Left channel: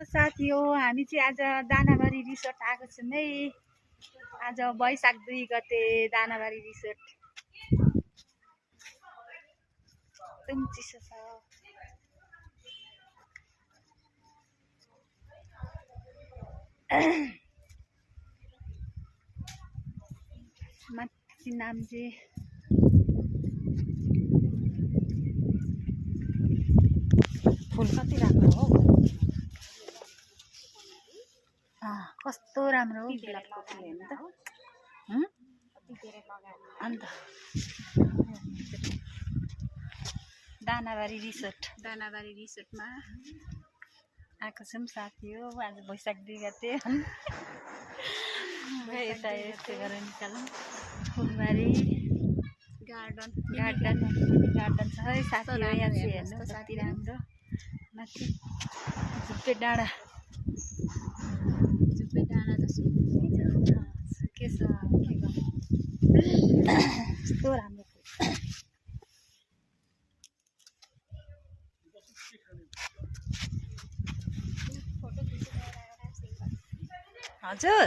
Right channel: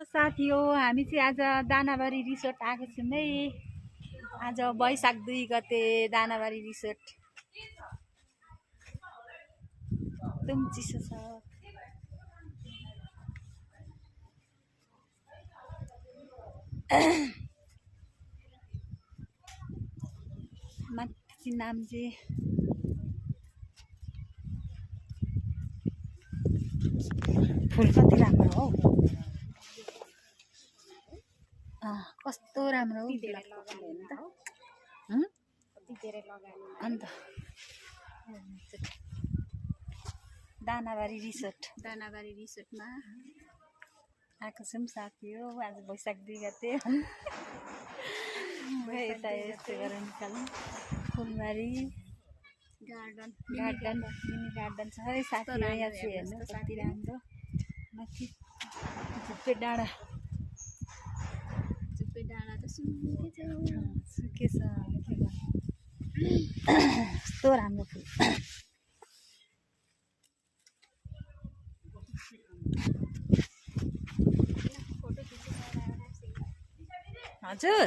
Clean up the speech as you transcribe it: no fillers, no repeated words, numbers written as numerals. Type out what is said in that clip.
साथी हो हामी चाहिँ आज दानाबारी रिसोर्ट आएको छौँ है। आज वैशाख 2 गते दानाबारी रिसोर्ट एकदम चिसो छ। माथि नाम चाहिँ फुल कति राम्रो हो, कस्तो राम्रो हो गुलाबको फुल हेर्नु त। अन्त दानाबारी रिसोर्टमा आएको छौँ साथी हो। आज वैशाख 2 गते यता यस्तो गरेर निकालौँ। फुलबारी गार्डन छ है साथी हो। यहाँ चाहिँ हेर्नु कति राम्रो। माथि झुप्पे डाँडा त सुके छ, के गर्नु कस्तो राम्रो फुल। हजुर